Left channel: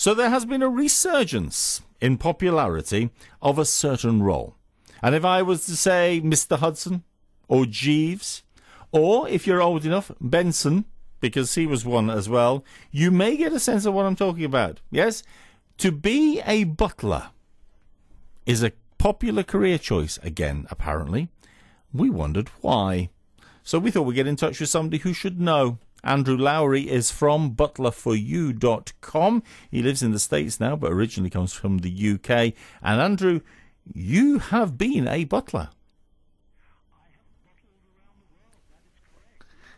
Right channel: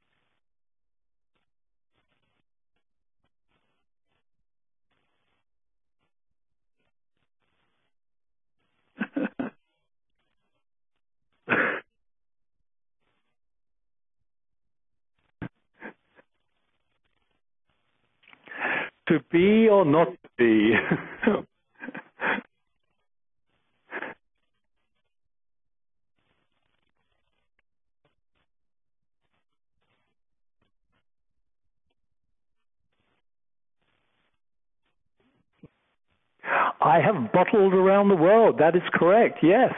So there has been a resurgence in popularity of a certain role. And if I was to say Mr. Hudson or Jeeves, or if you're old enough, Benson, because he was one as well, you may get a sense of what I'm talking about. Yes? To be a butler is a popular career choice again, apparently. We wondered why. So we thought we'd get in touch with somebody who should know. Andrew Lowry is from butlerforyou.com. He lives in the States now, but originally comes from the UK. And Andrew, you have been a butler. I have buttled around the world. That is correct, yes.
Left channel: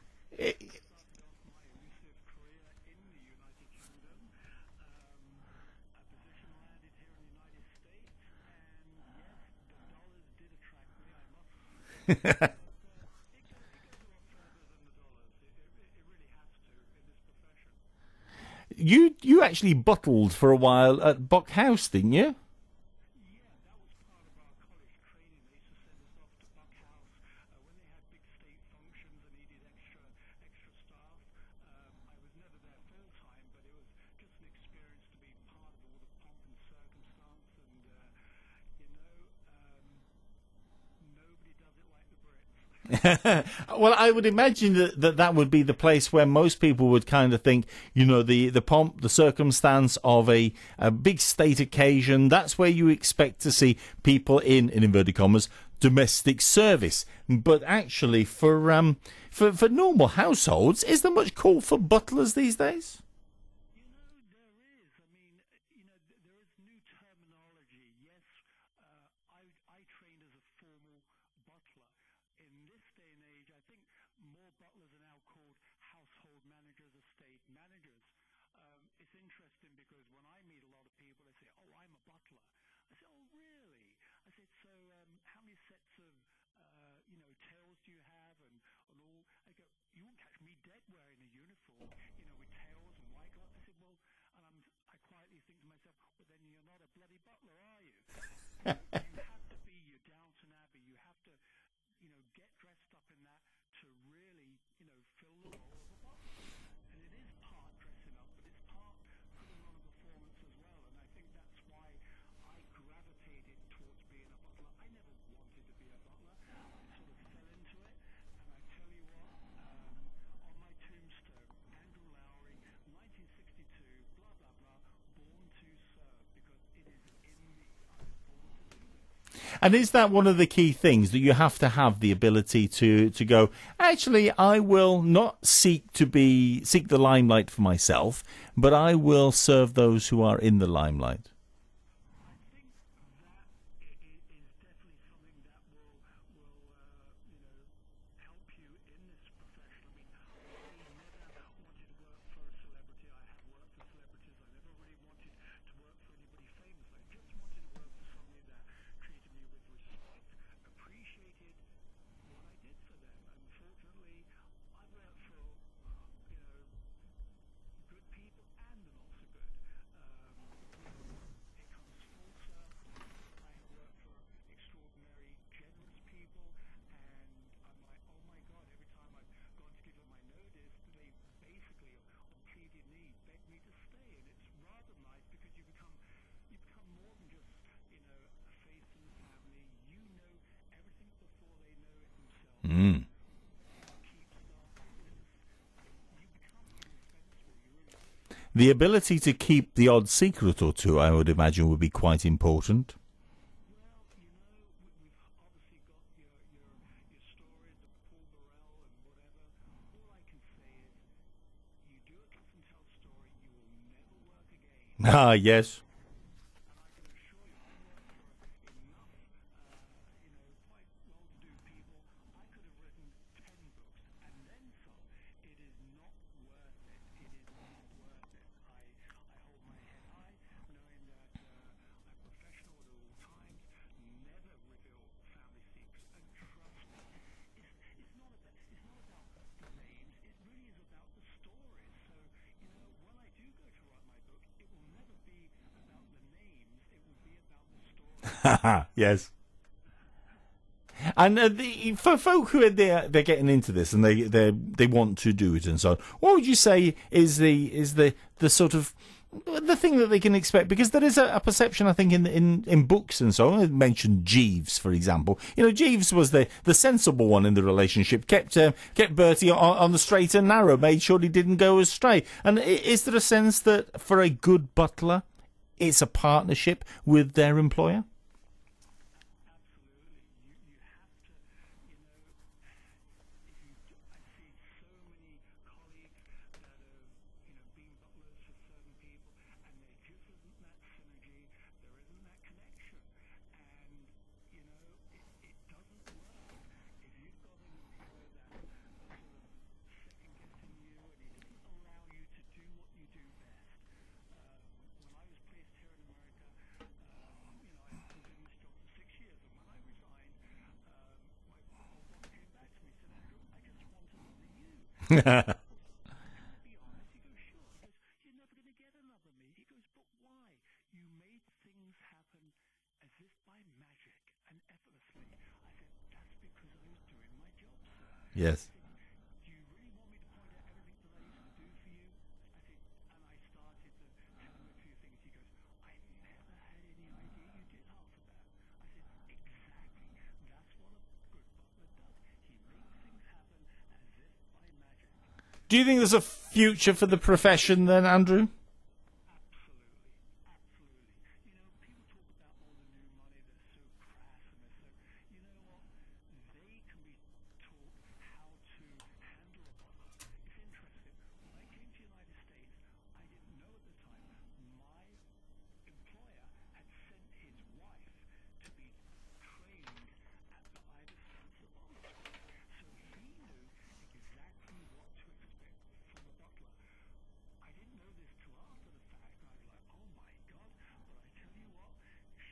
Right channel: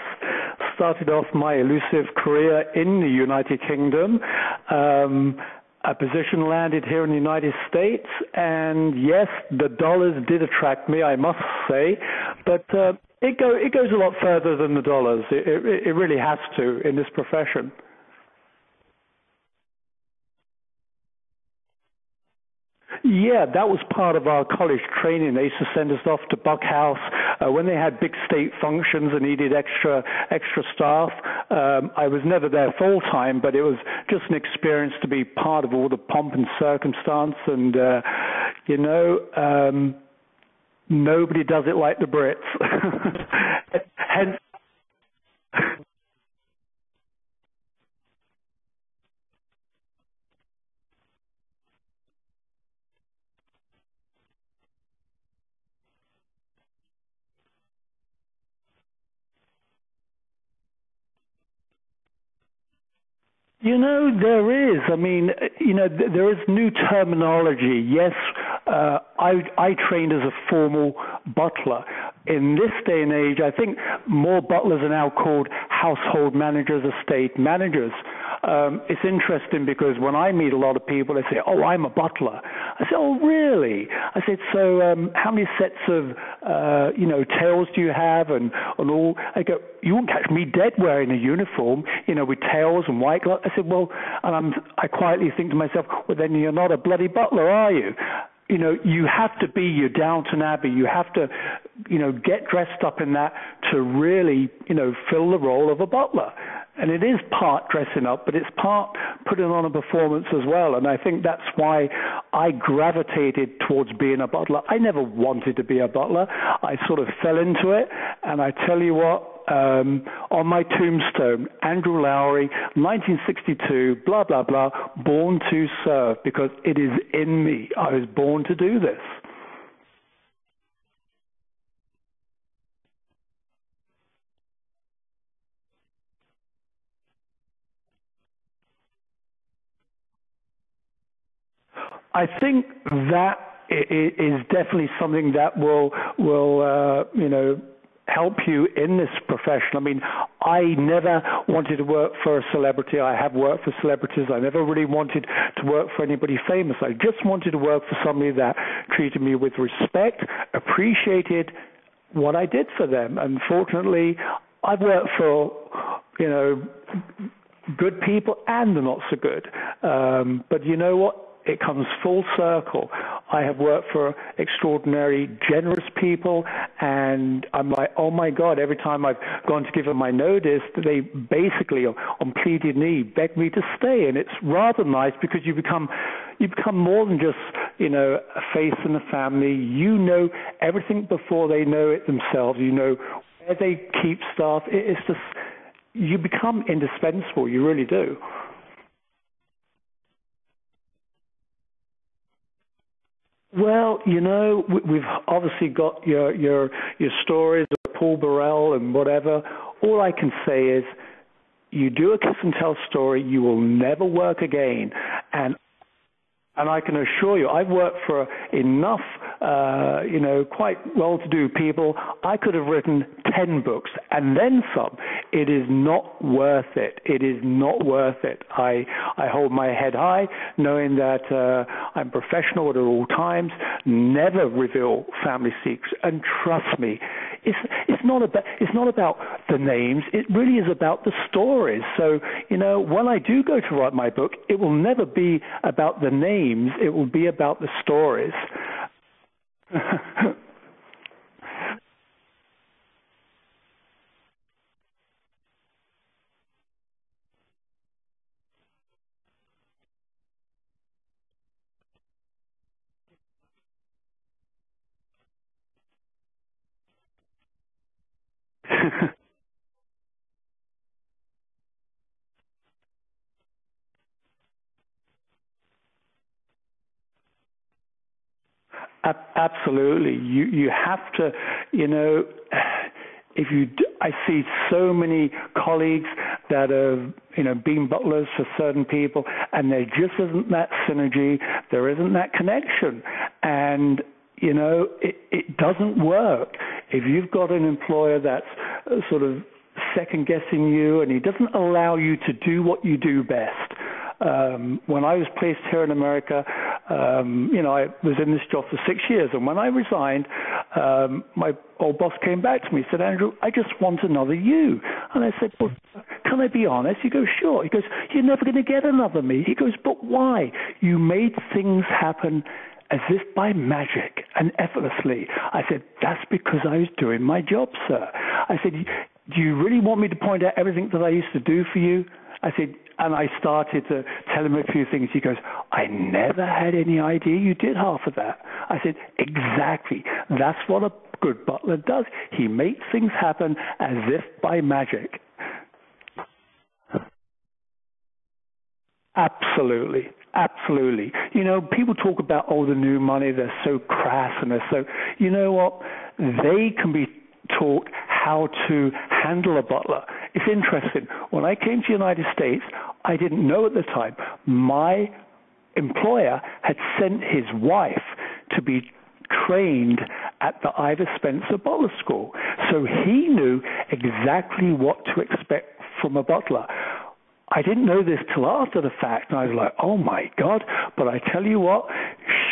Started off my elusive career in the United Kingdom. A position landed here in the United States, and yes, the dollars did attract me, I must say. But it goes a lot further than the dollars. It really has to in this profession. You actually buttled for a while at Buck House, didn't you? Yeah, that was part of our college training. They used to send us off to Buck House when they had big state functions and needed extra staff. I was never there full time, but it was just an experience to be part of all the pomp and circumstance. And nobody does it like the Brits. Well, I would imagine that would be the place where most people would kind of think, the pomp, the circumstance of a big state occasion. That's where you expect to see people in inverted commas, domestic service. But actually, for normal households, is there much call for butlers these days? There is. I mean, there is new terminology. Yes, I trained as a formal butler. In this day and age, I think more butlers are now called household managers, estate managers. It's interesting because when I meet a lot of people, they say, "Oh, I'm a butler." I say, "Oh, really?" I said, "So, how many sets of, tails do you have?" And all. I go, "You won't catch me dead wearing a uniform, with tails and white gloves." I said, "Well," and I quietly think to myself, "Well, then you're not a bloody butler, are you?" You have to be your Downton Abbey. You have to, get dressed up in that to really, fill the role of a butler. And it is part dressing up, but it's part putting on a performance as well. And I think that's why I gravitated towards being a butler. I never wanted to be a butler. I sort of fell into it. And I tell you what, on my tombstone, Andrew Lowry, 1962, blah, blah, blah, born to serve, because it is in me. I was born to do this. And is that one of the key things, that you have to have the ability to go, actually, I will not seek the limelight for myself, but I will serve those who are in the limelight? I think that is definitely something that will help you in this profession. I mean, I never wanted to work for a celebrity. I have worked for celebrities. I never really wanted to work for anybody famous. I just wanted to work for somebody that treated me with respect, appreciated what I did for them. And fortunately, I've worked for, good people and the not so good. But you know what? It comes full circle. I have worked for extraordinary, generous people, and I'm like, oh my God, every time I've gone to give them my notice, they basically, on pleaded knee, beg me to stay. And it's rather nice because you become more than just, a face in the family. You know everything before they know it themselves. You know where they keep stuff. It's just... You become indispensable, you really do. The ability to keep the odd secret or two, I would imagine, would be quite important. Well, we've obviously got your stories of Paul Burrell and whatever. All I can say is, you do a kiss and tell story, you will never work again. Yes. And I can assure you, I've worked for enough, quite well-to-do people. I could have written 10 books and then some. It is not worth it. It is not worth it. I hold my head high, knowing that I'm professional at all times, never reveal family secrets. And trust me, it's not about the names. It really is about the stories. So, when I do go to write my book, it will never be about the names. It will be about the stories. Yes. And for folk who they're getting into this and they want to do it and so on, what would you say is the sort of the thing that they can expect, because there is a perception, I think, in books and so on. I mentioned Jeeves, for example. You know, Jeeves was the sensible one in the relationship, kept Bertie on the straight and narrow, made sure he didn't go astray. And is there a sense that for a good butler, it's a partnership with their employer? Absolutely. You have to, you know, I see so many colleagues that have, you know, been butlers for certain people, and there just isn't that synergy, there isn't that connection, and, you know, it doesn't work. If you've got an employer that's sort of second-guessing you, and he doesn't allow you to do what you do best. When I was placed here in America, you know, I was in this job for 6 years, and when I resigned, my old boss came back to me and said, "Andrew, I just want another you." And I said, "Well, can I be honest?" He goes, "Sure." He goes, "You're never going to get another me." He goes, "But why? You made things happen as if by magic and effortlessly." I said, "That's because I was doing my job, sir." Yes. I said, "Do you really want me to point out everything that I used to do for you?" I said, and I started to tell him a few things. He goes, "I never had any idea you did half of that." I said, "Exactly. That's what a good butler does. He makes things happen as if by magic." Do you think there's a future for the profession then, Andrew? Absolutely. Absolutely. You know, people talk about, the new money, they're so crass, and they're so, you know what? They can be taught how to handle a butler. It's interesting. When I came to the United States, I didn't know at the time. My employer had sent his wife to be trained at the Ivor Spencer Butler School. So he knew exactly what to expect from a butler. I didn't know this till after the fact, and I was like, "Oh my God." But I tell you what,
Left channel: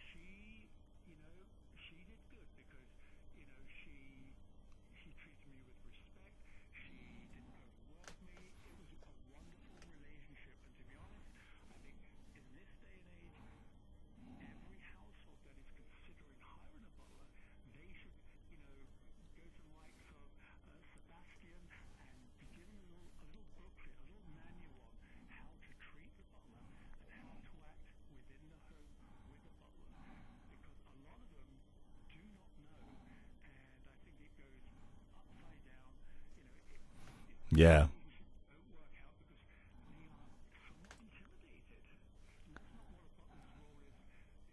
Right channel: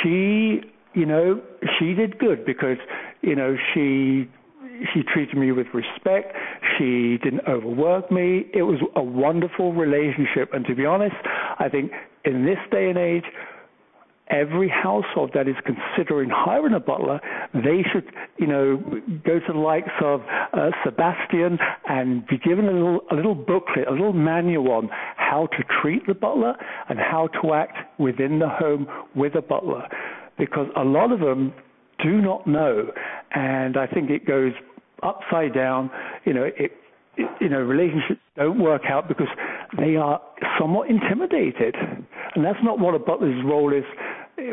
she did good, because, you know, she treated me with respect. She didn't overwork me. It was a wonderful relationship. And to be honest, I think in this day and age, every household that is considering hiring a butler, they should, you know, go to the likes of Sebastian and be given a little booklet, a little manual on how to treat the butler and how to act within the home with a butler, because a lot of them do not know, and I think it goes upside down. You know, relationships don't work out because they are somewhat intimidated, and that's not what a butler's role is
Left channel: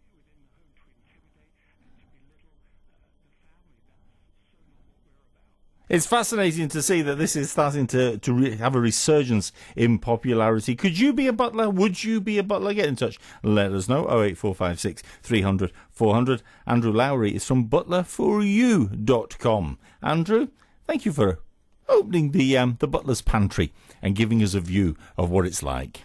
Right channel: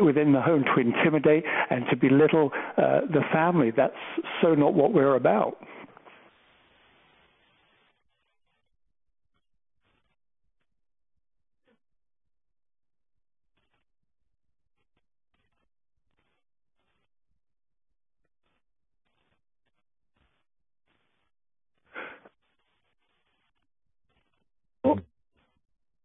within the home, to intimidate and to belittle the family. That's so not what we're about. It's fascinating to see that this is starting to have a resurgence in popularity. Could you be a butler? Would you be a butler? Get in touch. Let us know. 08456 300 400. Andrew Lowry is from butlerforyou.com. Andrew, thank you for opening the butler's pantry and giving us a view of what it's like.